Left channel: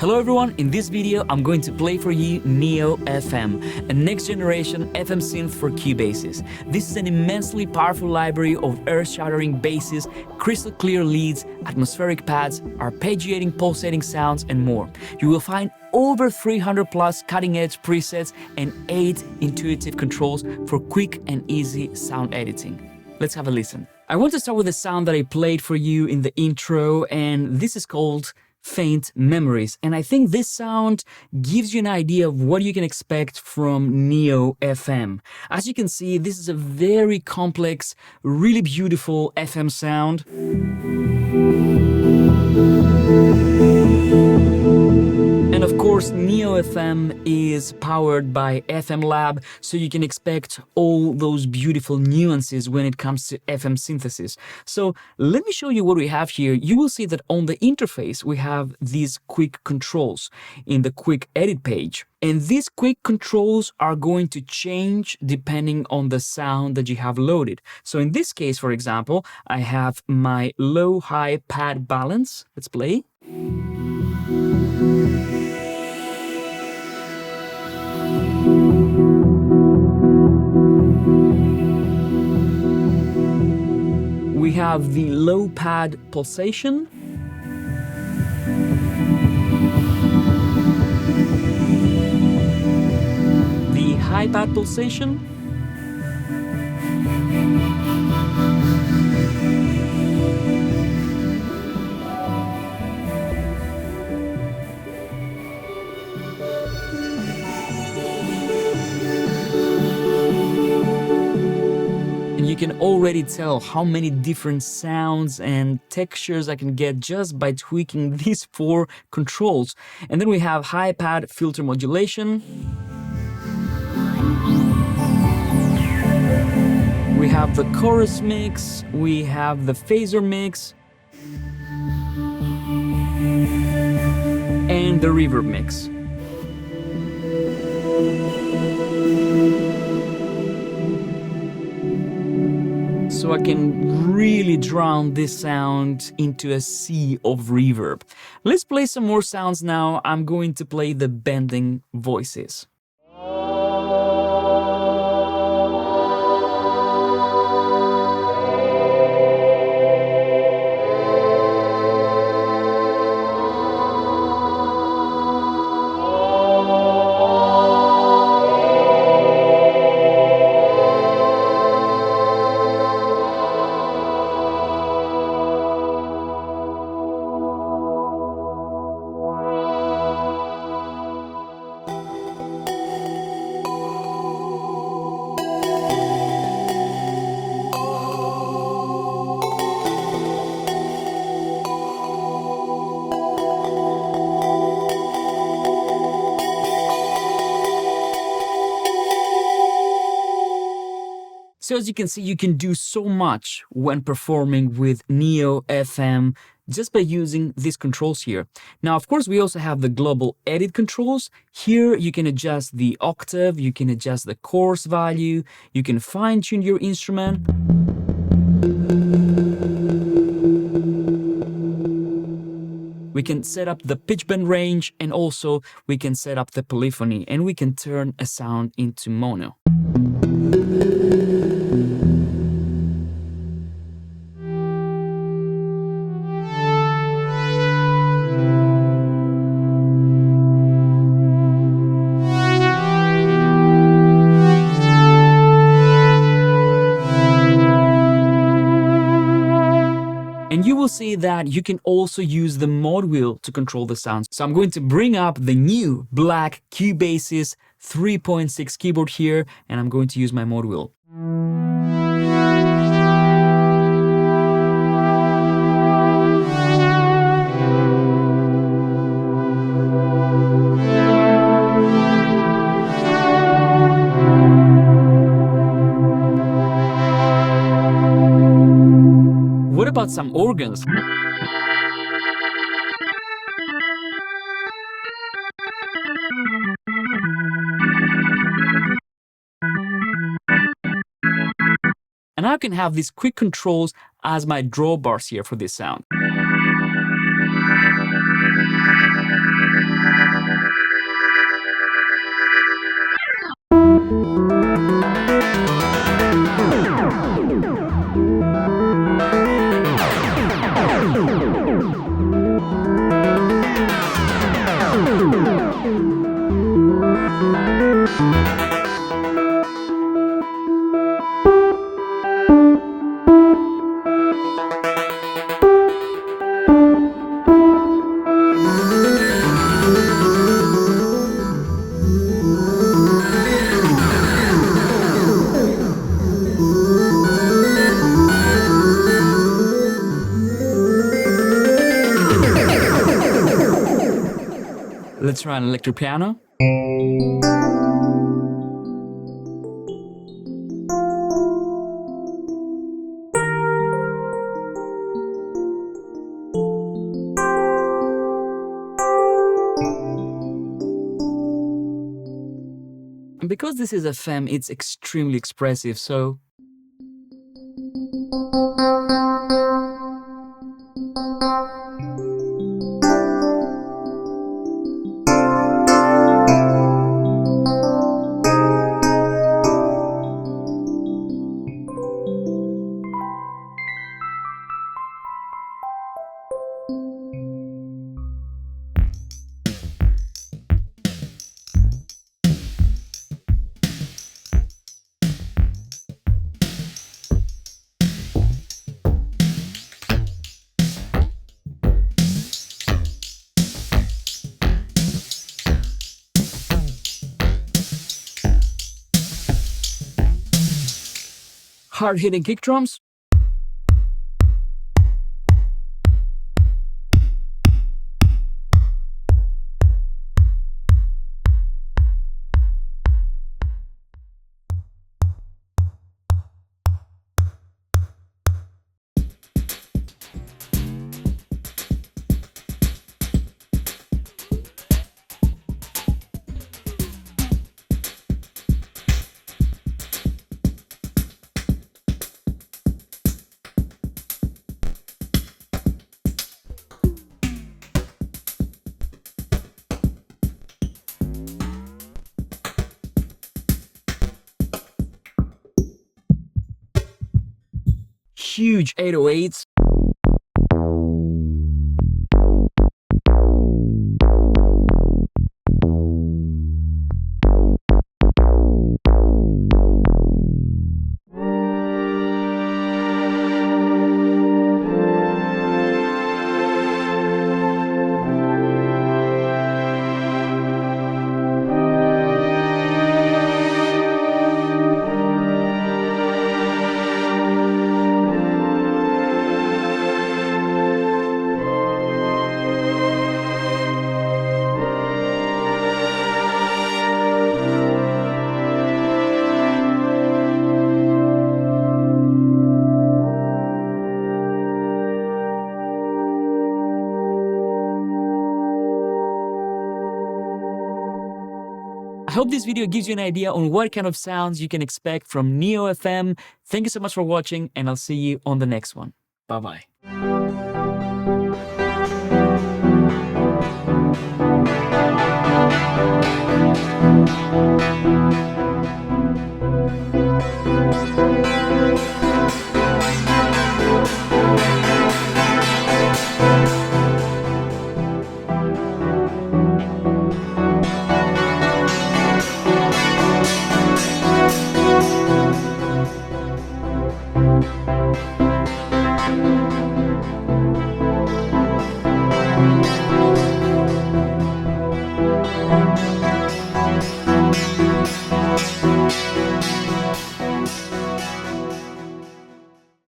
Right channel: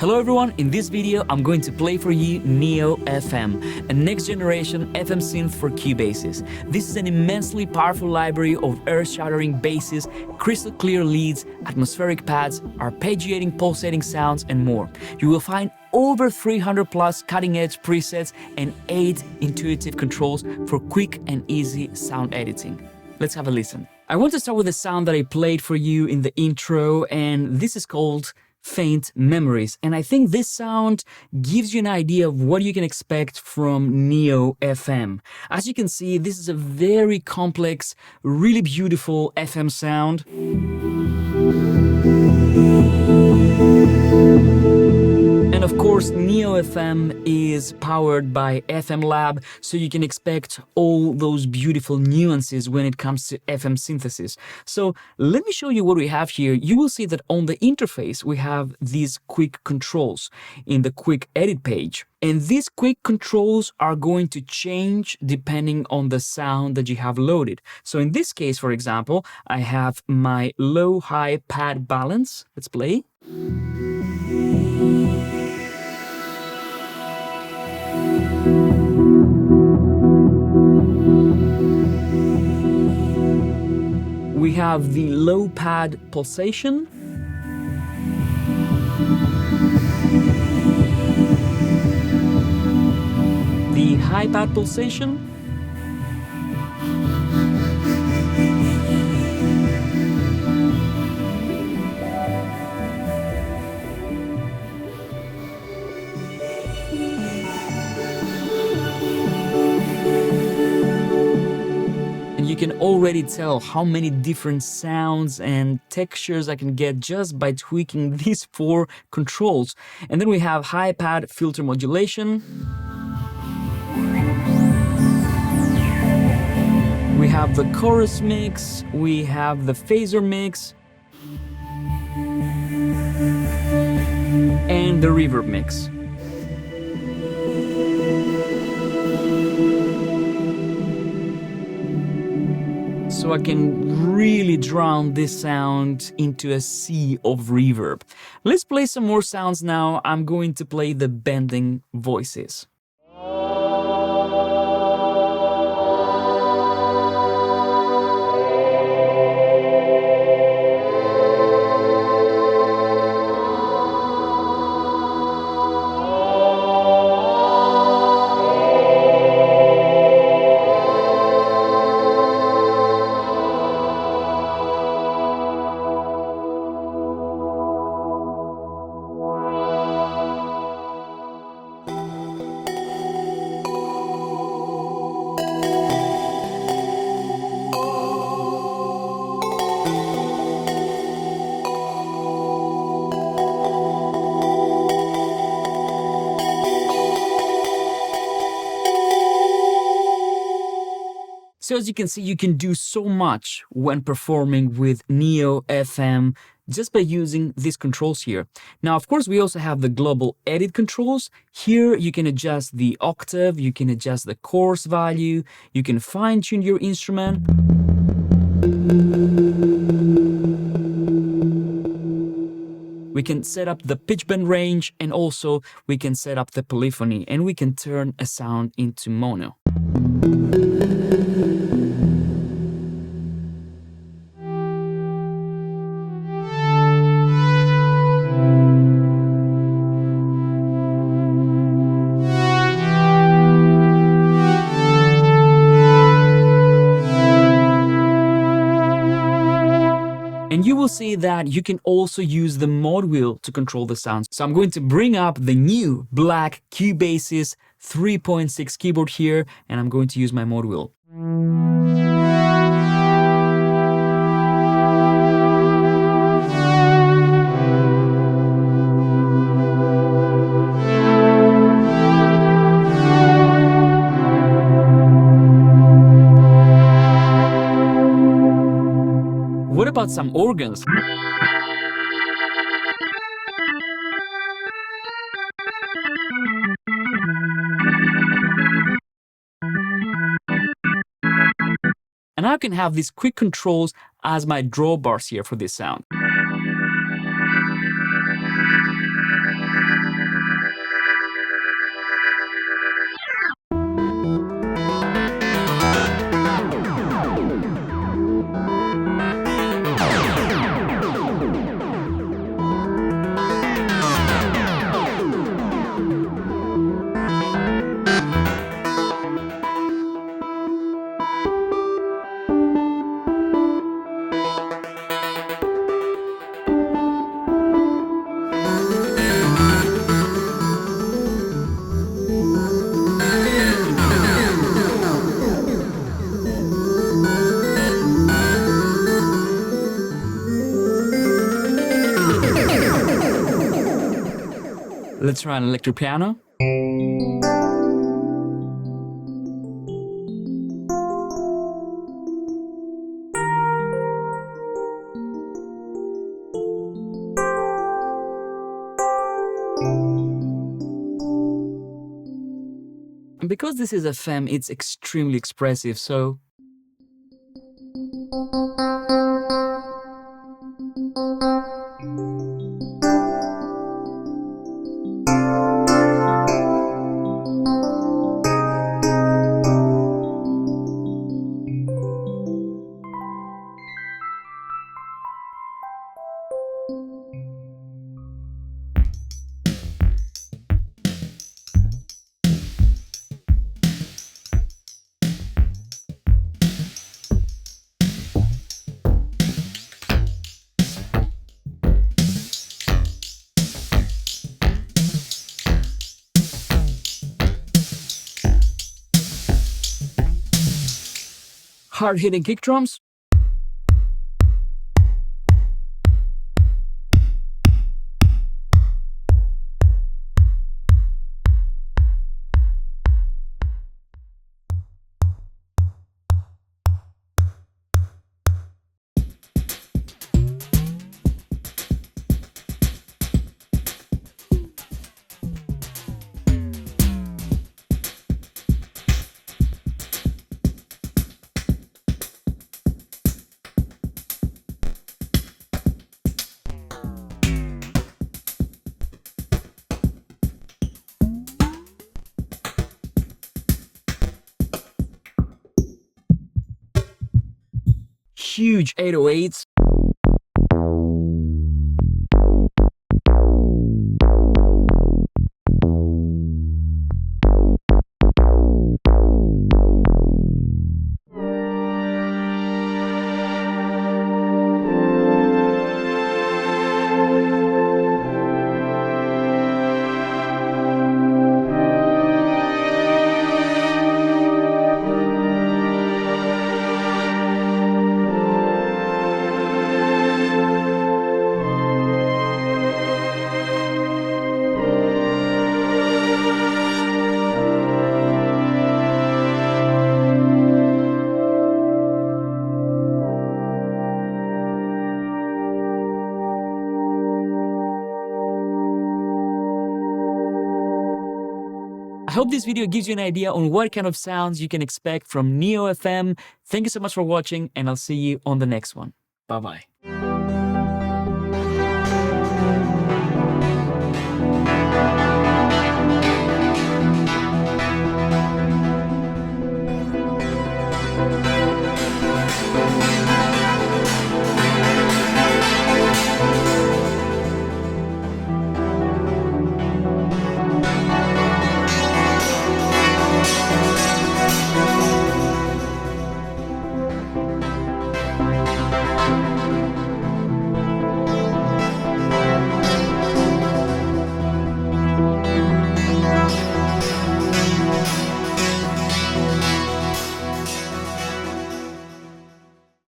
Hello everyone, in this video I'm going to play for you Neo FM, a next generation FM synth for Cubasis. This is an immensely powerful library of earth-shattering basses, crystal clear leads, atmospheric pads, arpeggiating pulsating sounds and more. You will find over 300 plus cutting-edge presets and 8 intuitive controls for quick and easy sound editing. Let's have a listen. I want to start with the sound that I played for you in the intro, and this is called Faint Memories, and I think this sound gives you an idea of what you can expect from Neo FM. As you can see, this is a very complex, really beautiful FM sound. And of course, Neo FM is powered by FM Lab, so you can expect all those beautiful nuances when it comes to FM synthesis. So let me show you what we have here. You will see that on the interface, we have these quick controls in the quick edit page. And these quick controls are going to change depending on the sound that you have loaded. So in this case, for example, I have my low-high pad balance. Let's play. We have the low pad pulsation. The high pad pulsation. And you can already tell how many different sounds and textures I can get just by tweaking these 4 controls. And then we have high pad filter modulation. We have the chorus mix, we have the phaser mix, and the reverb mix. So I can really drown this sound into a sea of reverb. Let's play some more sounds now. I'm going to play the bending voices. So as you can see, you can do so much when performing with Neo FM just by using these controls here. Now, of course, we also have the global edit controls. Here, you can adjust the octave, you can adjust the chorus value, you can fine-tune your instrument. We can set up the pitch bend range, and also we can set up the polyphony, and we can turn a sound into mono. And you will see that you can also use the mod wheel to control the sounds. So I'm going to bring up the new black Cubasis 3.6 keyboard here, and I'm going to use my mod wheel. about some organs? And I can have these quick controls as my drawbars here for this sound. Let's try an electric piano. And because this is FM, it's extremely expressive, so hard-hitting kick drums. Huge 808s. I hope this video gives you an idea on what kind of sounds you can expect from Neo FM. Thank you so much for watching, and I'll see you on the next one. Bye-bye.